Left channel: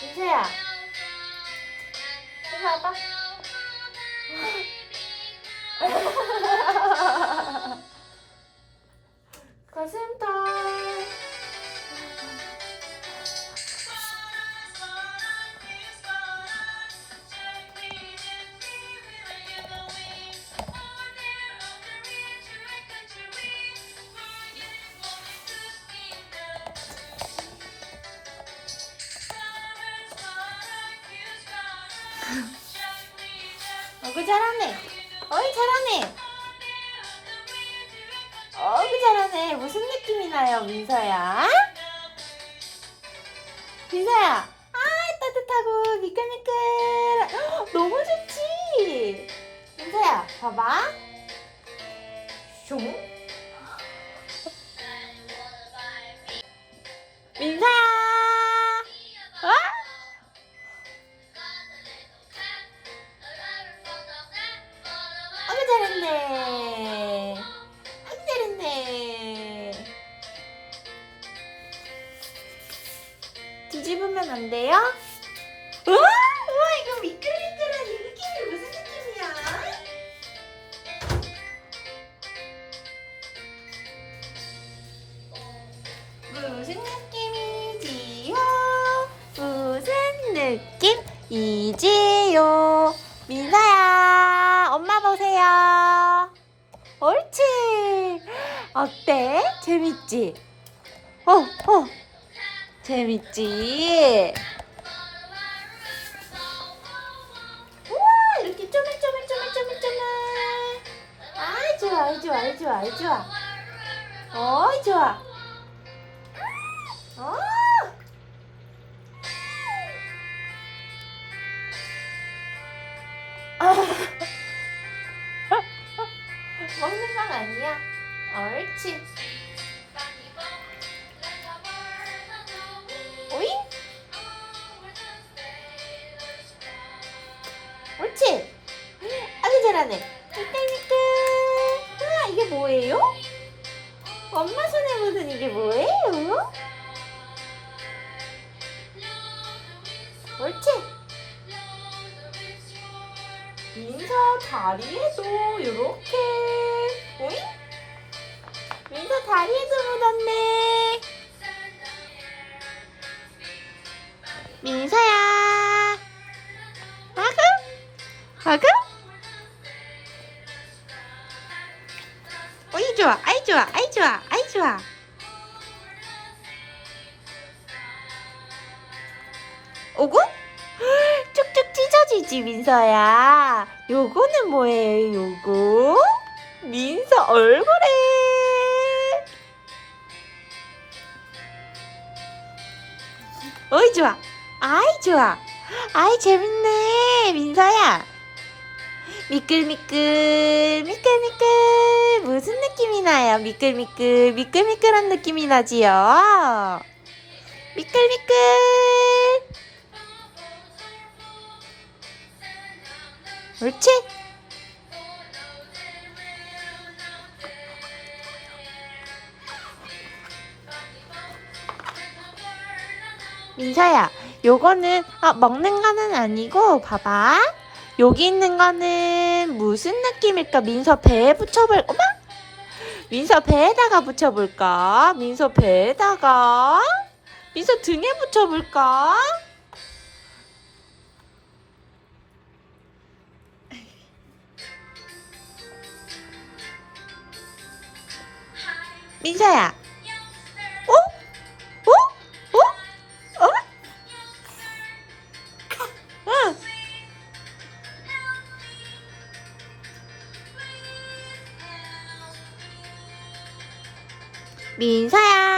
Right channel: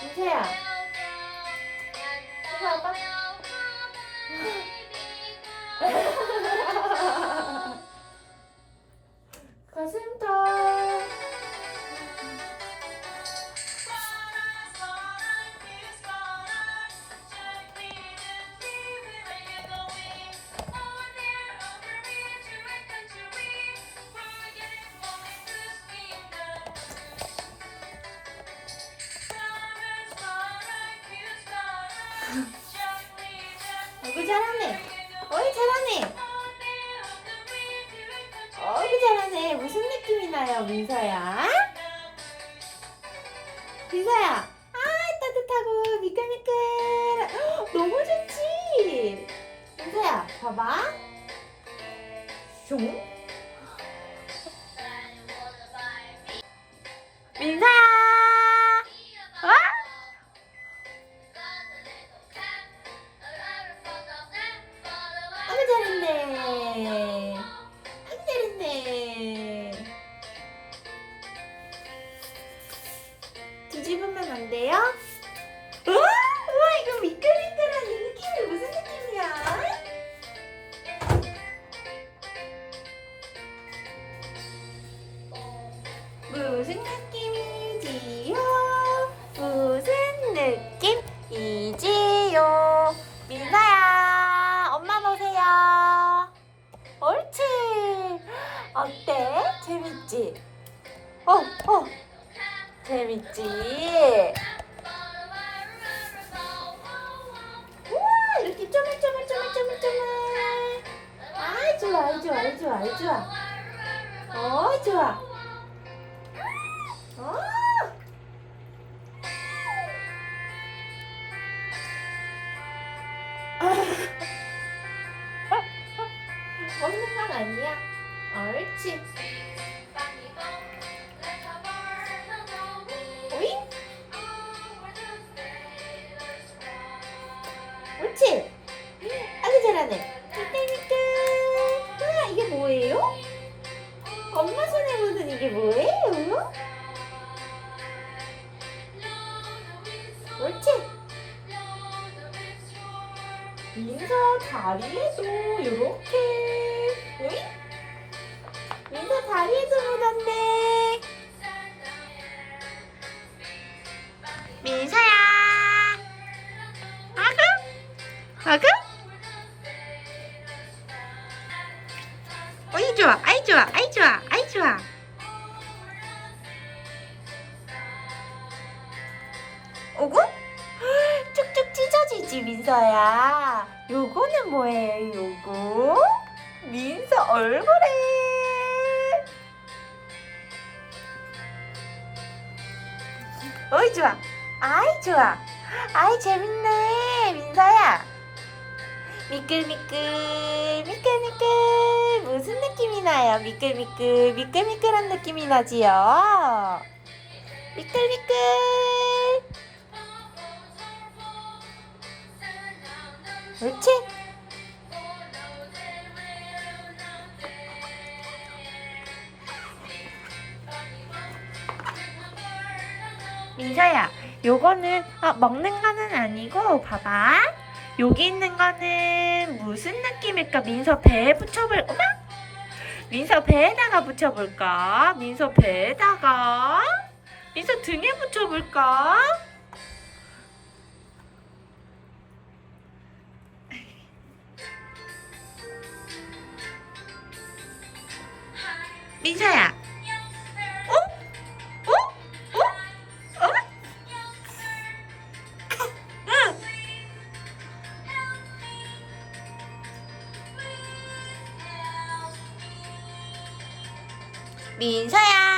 민수야, 이리 와봐. 잘하네. 어이 잘하네. 어이구 잘하네. 무슨 느낌이 나요, 민서야? 민서야. 아 따뜻하고 미끌미끌. 헉, 너무 좋지. 민서야, 봐봐. 숑. 민서야. 와? 재밌지? 어, 어. 재밌지? 우와, 이렇게 쪼물쪼물쪼물쪼물쪼물. 아이, 좋아, 아이, 좋아, 아이, 좋아, 아이, 좋아. 어이, 좋아. 어. 먹는 건 아니야. 옳지. 잘하네. 미끌미끌. 아, 이게 뭐예요? 엄마 손에 묻은 이게 뭐예요? 옳지. 민서 다리에도 이렇게. 오잉? 민서 다리에 오고? 쭉쭉 찢어지지 민서야. 요거는 뭐예요, 요거? 민서 얼굴에. 어이 좋아. 아이 좋아. 아이 재밌네 민서야. 미끌미끌 미끌미끌 무슨 느낌이 나요? 미끌미끌 미끌미끌한 느낌이 나지요. 미끌미끌. 옳지? 민서야, 요거는 어, 먹는 거는 아니고 봐봐. 여기 있는 거는 무슨 느낌일까? 민서 배에 붙여볼. 어머? 민서 배에다가 붙여볼까? 민서 배에다가. 민서 등에 붙여볼까? 민서야. 어? 어? 어? 어? 응. 민서야.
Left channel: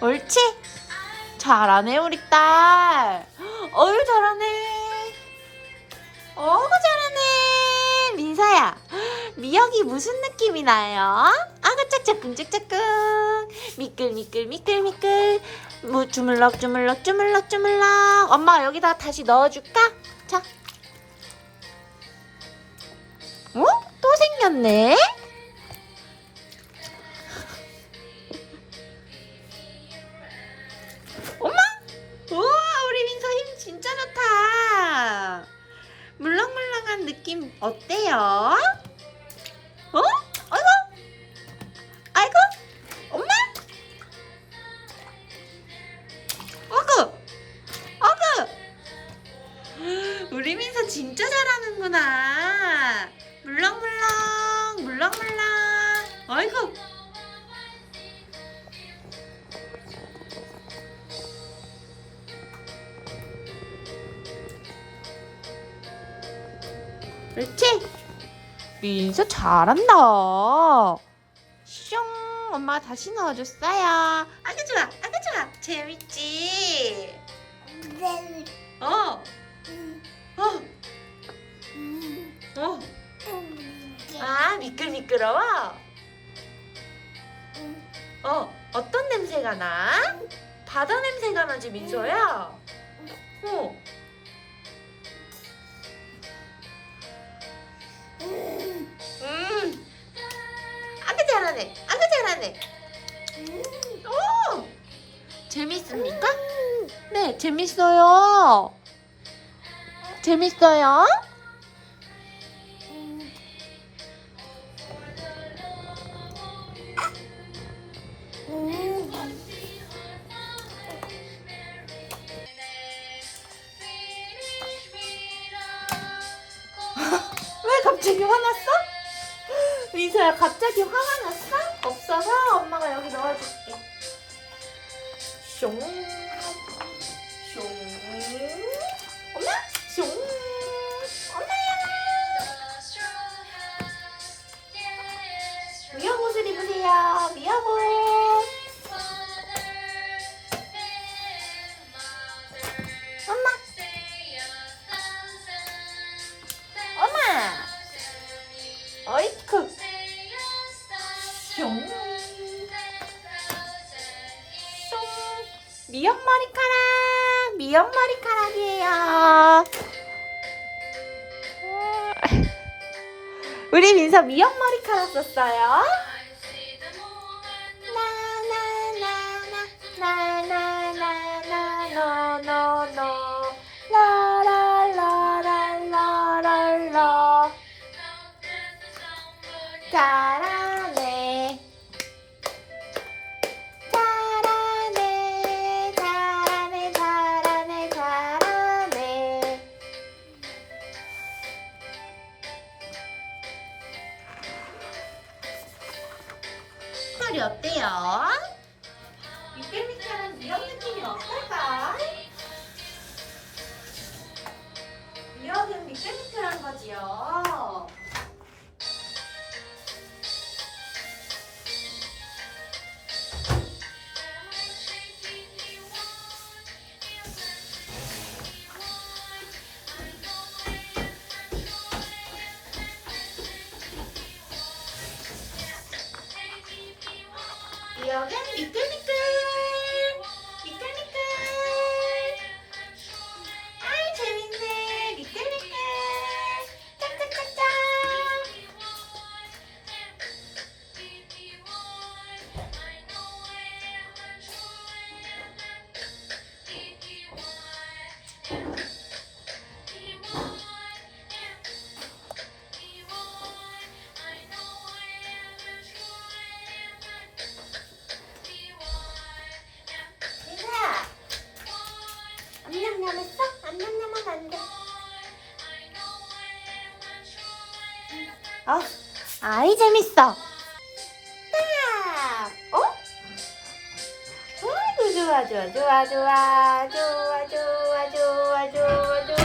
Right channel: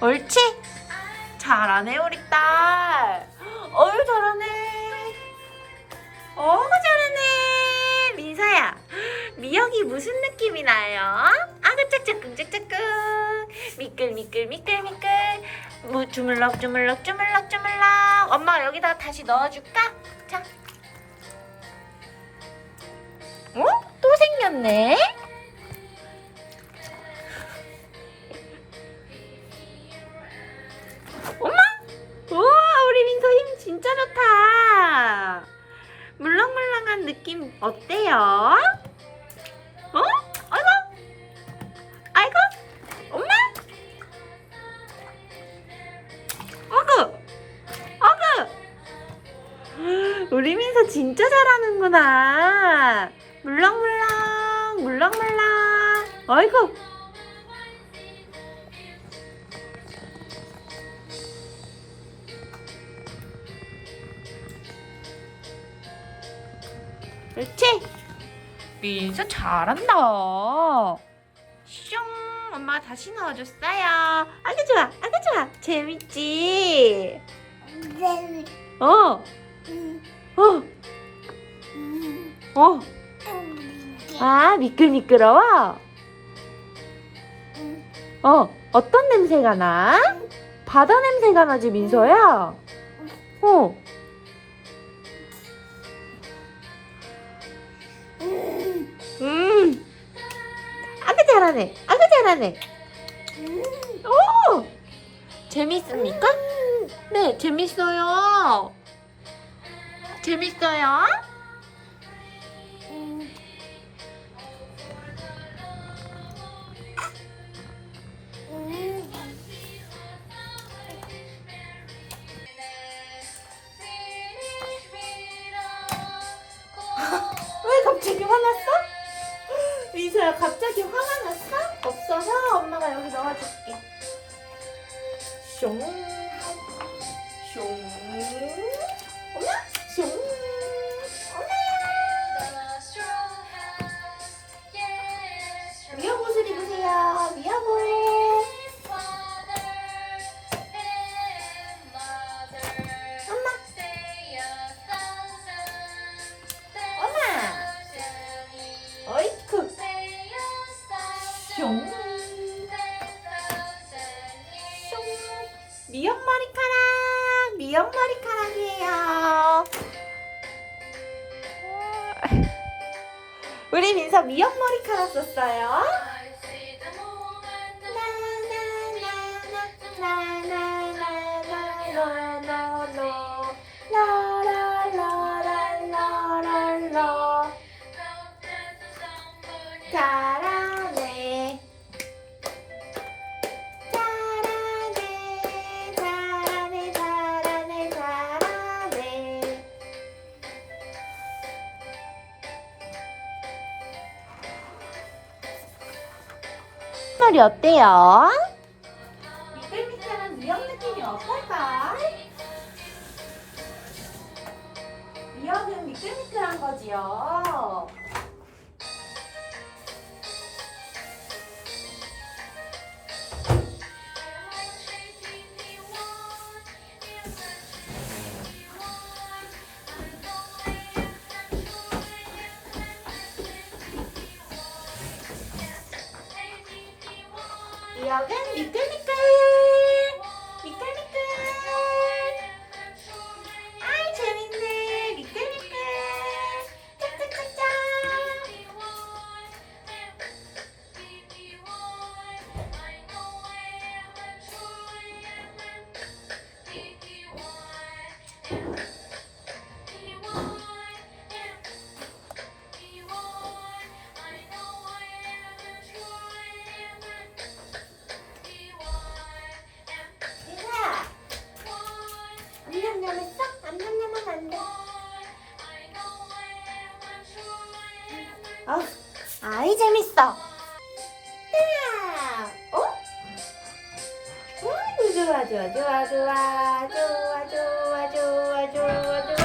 옳지? 잘하네 우리 딸. 어이 잘하네. 어구 잘하네 민서야 미역이 무슨 느낌이 나요? 아그 짝짝꿍 짝짝꿍 미끌 미끌 미끌 미끌 무 주물럭 주물럭 주물럭 주물럭 엄마가 여기다 다시 넣어줄까? 자 어? 또 생겼네 진짜 좋다. 물렁물렁한 느낌 어때요? 어? 아이고. 아이고. 엄마. 어구. 어구. 우리 민서 진짜 잘하는구나 그렇지? 민서 잘한다. 슝, 엄마가 다시 넣어줬어요. 아주 좋아, 아주 좋아. 재밌지? 어, 어, 어. 아, 미끌미끌어워? 어, 어떤 냄새가 나? 바다 냄새가 나지, 민서야? 어. 잘하네. 아주 잘하네. 오! 재밌습니까? 네, 재밌어요. 재밌어요? 민서야 갑자기 화가 났어? 없어서 엄마가 여기 넣어줄게. 숑. 숑. 우리 민서 미역 머리카락 썼어요. 나나나나나나나나나나나 색깔이 어때요? 미끌미끌한 미역 느낌이 어떨까? 미역은 미끌미끌한 거지요. Okay. y 암냠냠 했어? 암냠냠하면 안 돼 어? 아이 재밌어 딱! 어? 어이구 좋아 좋아 좋아 좋아 좋아 좋아 좋아 좋아